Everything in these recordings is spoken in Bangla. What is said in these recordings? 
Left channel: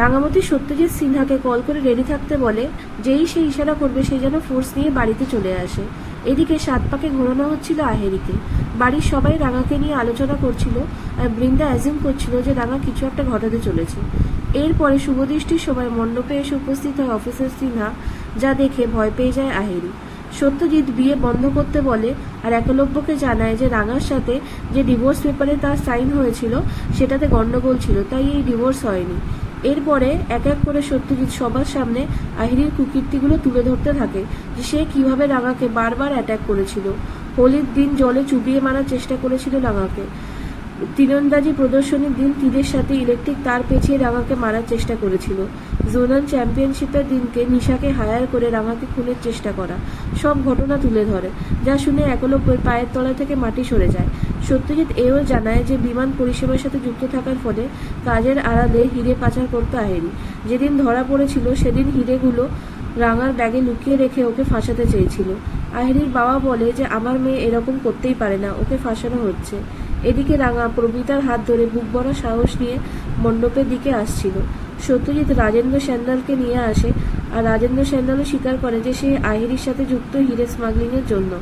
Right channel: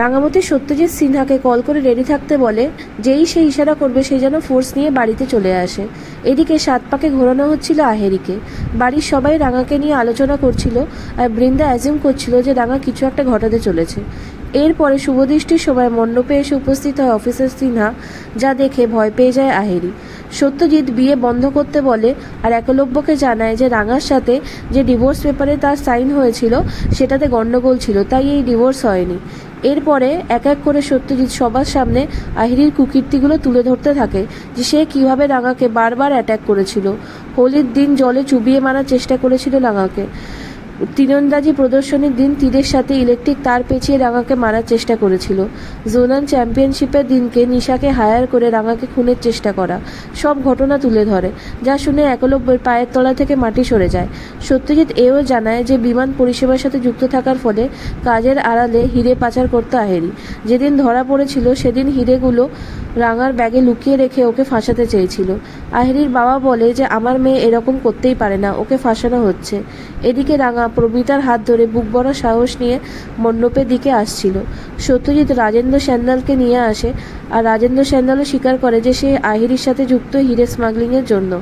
রাঙামতি সত্যজিৎ সিনহাকে কল করে রেডি থাকতে বলে, যেই সে ইশারা করবে সে যেন ফোর্স নিয়ে বাড়িতে চলে আসে। এদিকে সাত পাকে ঘোরানো হচ্ছিল আহেরিকে। বাড়ির সবাই রাঙাকে নিয়ে আলোচনা করছিল আর বৃন্দা অ্যাজিউম করছিল যে রাঙা কিছু একটা ঘটাতে চলেছে। এরপরে শুভদৃষ্টির সময় মণ্ডপে এসে উপস্থিত হয় অফিসার সিনহা, যা দেখে ভয় পেয়ে যায় আহেরি। সত্যজিৎ বিয়ে বন্ধ করতে বলে আর একলব্যকে জানায় যে রাঙার সাথে যে ডিভোর্স পেপারে তার সাইন হয়েছিল সেটাতে গন্ডগোল ছিল, তাই এই ডিভোর্স হয়নি। এরপরে এক এক করে সত্যজিৎ সবার সামনে আহিরির কুকীর্তিগুলো তুলে ধরতে থাকে, যে সে কিভাবে রাঙাকে বারবার অ্যাটাক করেছিল। হোলির দিন জলে চুবিয়ে মারার চেষ্টা করেছিল রাঙাকে। তীরন্দাজি প্রদর্শনীর দিন তীরের সাথে ইলেকট্রিক তার পেঁচিয়ে রাঙাকে মারার চেষ্টা করেছিল। জোনাল চ্যাম্পিয়নশিপের দিনকে নিশাকে হায়ার করে রাঙাকে খুনের চেষ্টা করা, সব ঘটনা তুলে ধরে, যা শুনে একলব্যের পায়ের তলা থেকে মাটি সরে যায়। সত্যজিৎ এও জানায় যে বিমান পরিষেবার সাথে যুক্ত থাকার ফলে কাজের আড়ালে হিরে পাচার করতে আহেরি। যেদিন ধরা পড়েছিল সেদিন হিরেগুলো রাঙার ব্যাগে লুকিয়ে রেখে ওকে ফাঁসাতে চেয়েছিল। আহেরির বাবা বলে যে আমার মেয়ে এরকম করতেই পারে না, ওকে ফাঁসানো হচ্ছে। এদিকে রাঙা প্রবীতার হাত ধরে বুক ভরা সাহস নিয়ে মণ্ডপের দিকে আসছিল। সত্যজিৎ রাজেন্দ্র স্যান্ডালকে নিয়ে আসে আর রাজেন্দ্র স্যান্ডালও স্বীকার করে যে সে আহেরির সাথে যুক্ত হিরে স্মাগলিংয়ের জন্য।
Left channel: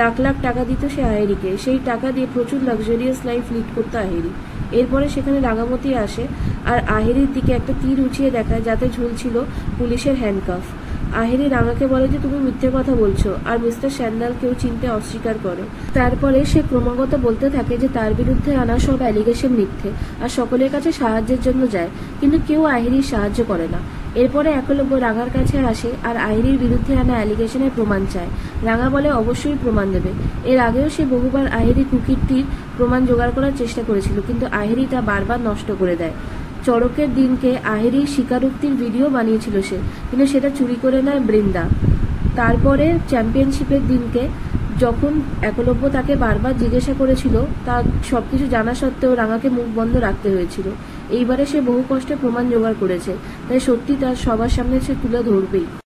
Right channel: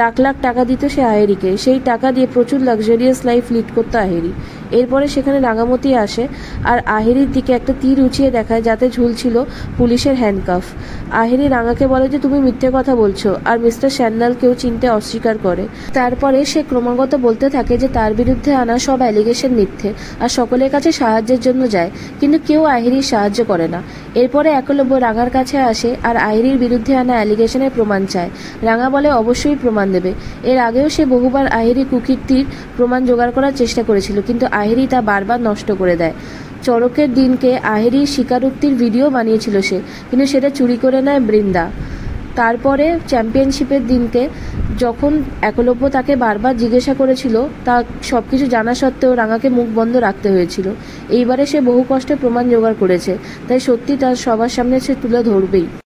লাখ লাখ টাকা দিত সে আহেরিকে, সেই টাকা দিয়ে প্রচুর লাক্সারিয়াস লাইফ লিড করতো আহেরি। এরপরে সেখানে রাঙামতি আসে আর আহেরির দিকে একটা তীর উঁচিয়ে দেখায় যাতে ঝুলছিল পুলিশের হ্যান্ডকাফ। আহেরি রাঙাকে বলে যে তুমি মিথ্যে কথা বলছো, আর মিস্টার স্যান্ডালকেও চিনতে অস্বীকার করে। তারপরে সে ক্রমাগত বলতে থাকে যে তার বিরুদ্ধে আনা সব অ্যালিগেশন মিথ্যে আর সকলের কাছে সাহায্যের জন্য যায়, কিন্তু কেউ আহেরির সাহায্য করে না। এরপরে একলব্য রাঙার কাছে আসে আর আহেরির বিরুদ্ধে আনা অ্যালিগেশনের প্রমাণ চায়। রাঙা বলে অবশ্যই প্রমাণ দেবে। এর আগেও সে বহুবার আহেরি কুকীর্তির প্রমাণ জোগাড় করার চেষ্টা করেছিল, কিন্তু আহেরি তা বারবার নষ্ট করে দেয়। চড়কের দিনকে আহেরির স্বীকারোক্তির ভিডিও বানিয়েছিল সে, কিন্তু সেটা চুরি করে নেয় বৃন্দা। তারপরে চ্যাম্পিয়নশিপের দিনকে যখন একলব্য তাকে বারবার জিজ্ঞাসা করেছিল, তা সবকিছু জানা সত্ত্বেও রাঙাকে মুখ বন্ধ রাখতে হয়েছিল। এইবারে সে বহু কষ্টে প্রমাণ জোগাড় করেছে, তাই সত্যি তার সবার সামনে সে তুলে ধরবেই।